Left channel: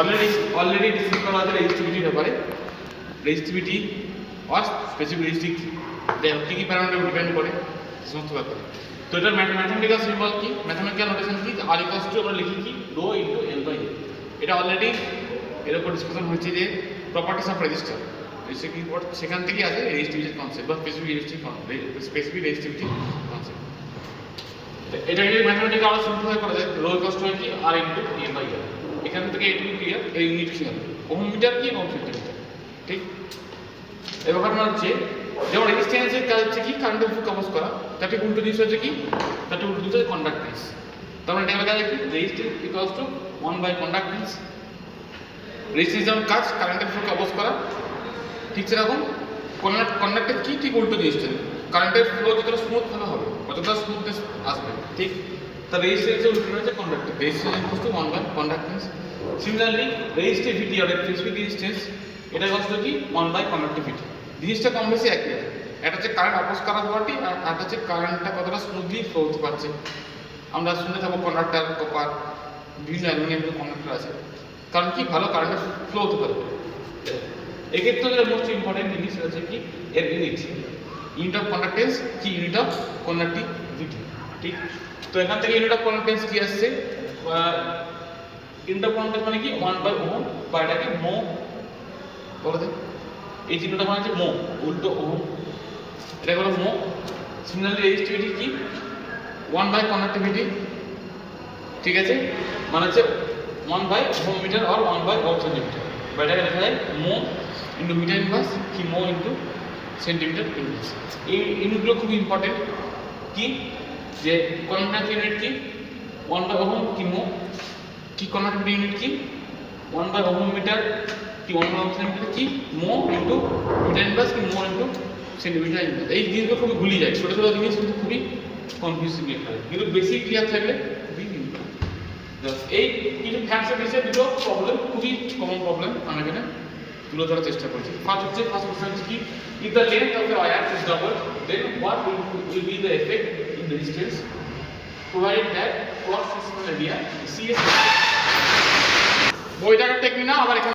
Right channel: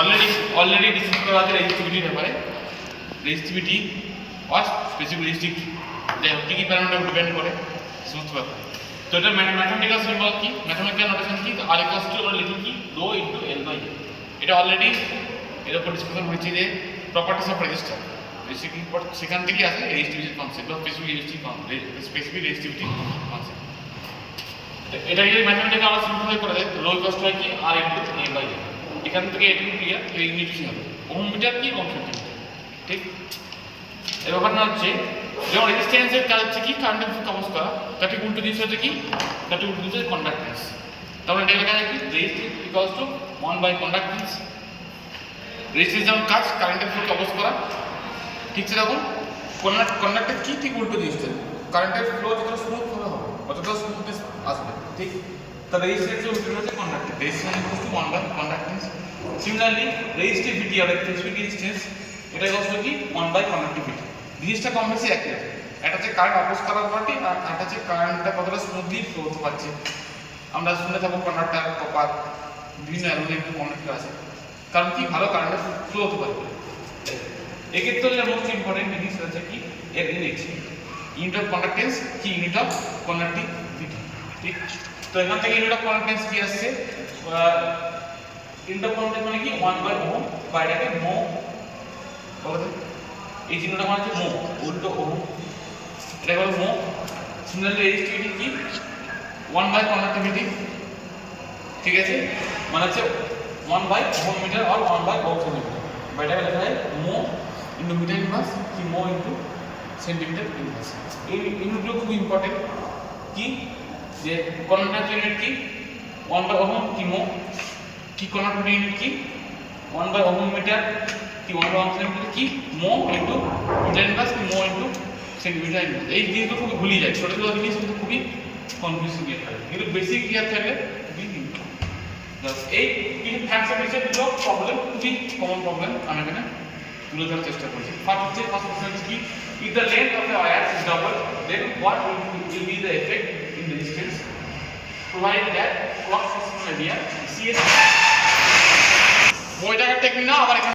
Already already discuss করা আছে রেজিস্টিভিটির ব্যাপারে। রেজিস্টিভিটি আর স্পেসিফিক যাই হোক কী? কী প্যারামিটার ডিপেন্ড করে? সমস্ত ব্যাপারে। তো এটা ম্যাথমেটিক্যাল সিম্বল কি? ম্যাথমেটিক্যাল নোটেশন কি? আর ইকুয়ালস টু আমরা লিখি কি? রো ইন্টু এল বাই এটা অলরেডি এর উপর ডিসকাশন হয়েছে যে প্রপার্টিস অফ রেজিস্টার সেখান থেকেই আসে রেজিস্টিভিটি কনসেপ্ট বা specific resistive specific resistivity concept এটা যদি ম্যাথমেটিক্যাল আরও সিম্পল করে দেয় রো ইকুয়ালস টু কি? আর ইন্টু এ বাই এখান থেকে এটুকু ক্লিয়ার এর ইউনিট হবে ওহম কি? ওহম সেন্টিমিটার ঠিক? এবার ঘটনা হচ্ছে, যেমন রেজিস্ট্যান্সের কাজ হচ্ছে কি? কারেন্টের কাগজ করা। তার ঠিক উল্টো জিনিস হচ্ছে কি? তার ঠিক উল্টো জিনিস হচ্ছে কন্ডাক্টেন্স তারপরে এটা লেখা যায় কি? Resistance equals to one by conductance resistance যেমন কাজ কারেন্টের ফুল কাগজ করা। ঠিক সেরকম। কন্ডাক্টের কি? ঠিক উল্টো জিনিসটা কারেন্টের ফ্লো যতটা স্মুথ হবে অতটা স্মুথনেস আসবে। ঠিক? উল্টো হচ্ছে কন্ডাক্টের resistance equals to one by conductance similarly resistivity R specific resistance এটা ইকুয়ালস টু কি ওয়ান বাই কন্ডাক্টিভিটি জিনিসটা কম বেশি একই আছে একটা হচ্ছে কারেন্ট অপোজ করার আর একটা হচ্ছে কারেন্টটা কতটা স্মুথলি ফ্লো হতে পারছে। আমরা শুনে থাকব কন্ডাক্টার কপার বিভিন্ন অ্যালুমিনিয়ামের কন্ডাক্টার আছে। কারণ কি? ভালো কারেন্টের ফ্লো হতে পারবে এক্ষেত্রে মোস্ট ইম্পর্টেন্ট জিনিস হচ্ছে কি? এর ইউনিট ইউনিট অফ কন্ডাক্টেন্স কি? ইউনিট অফ কন্ডাক্টিভিটি ঠিক? তো এখান থেকে ইউনিট অফ কন্ডাক্টেন্স কি আসছে? ইউনিট অফ মানে কি? ওয়ান বাই ওহম বা এটাকে মো বলো? এই চিহ্নটা মানে হচ্ছে মো, উল্টো ওহম। এটা হলো মো। সিমিলারলি রেজিস্টিভিটি কি? ওয়ান বাই কন্ডাক্টিভিটি ঠিক আছে? মানে হচ্ছে ওয়ান বাই ওহম মিটার আর ওয়ান বাই ওহম সেন্টিমিটার বা এটাকে লেখা যায় মো ইন্টু মিটার ইনভার্স কি মো ইন্টু সেন্টিমিটার ইনভার্স এই ইউনিটগুলো খুব ইম্পর্টেন্ট কি? যে কন্ডাক্ট ইউনিট কি? ওয়ান বাই ওহম কি মো? কি কন্ডাক্ট ইউনিট কি? ওয়ান বাই ওহম মিটার কি ওয়ান বাই ওহম সেন্টিমিটার? কি মো ইন্টু মিটার ইনভার্স কি মো ইন্টু সেন্টিমিটার ইনভার্স এই জিনিসগুলো খুবই ভুলে যায়। ছোটো ছোটো জিনিস কিন্তু খুবই কনফিউজিং ইয়ে হয় কিন্তু বেসিক ক্লিয়ার থাকলে খুবই এই কিছু ফ্যাক্টর বিষয়ে দুটো প্রবলেম খুবই কমন প্রবলেম আমি এখানে তুলে ধরার চেষ্টা করছি। ফার্স্ট হচ্ছে ফার্স্ট কোশ্চেন কি? If the length of the wire is double then what will be the effect in resistance provided that cross sectional area CS না আবার এখানে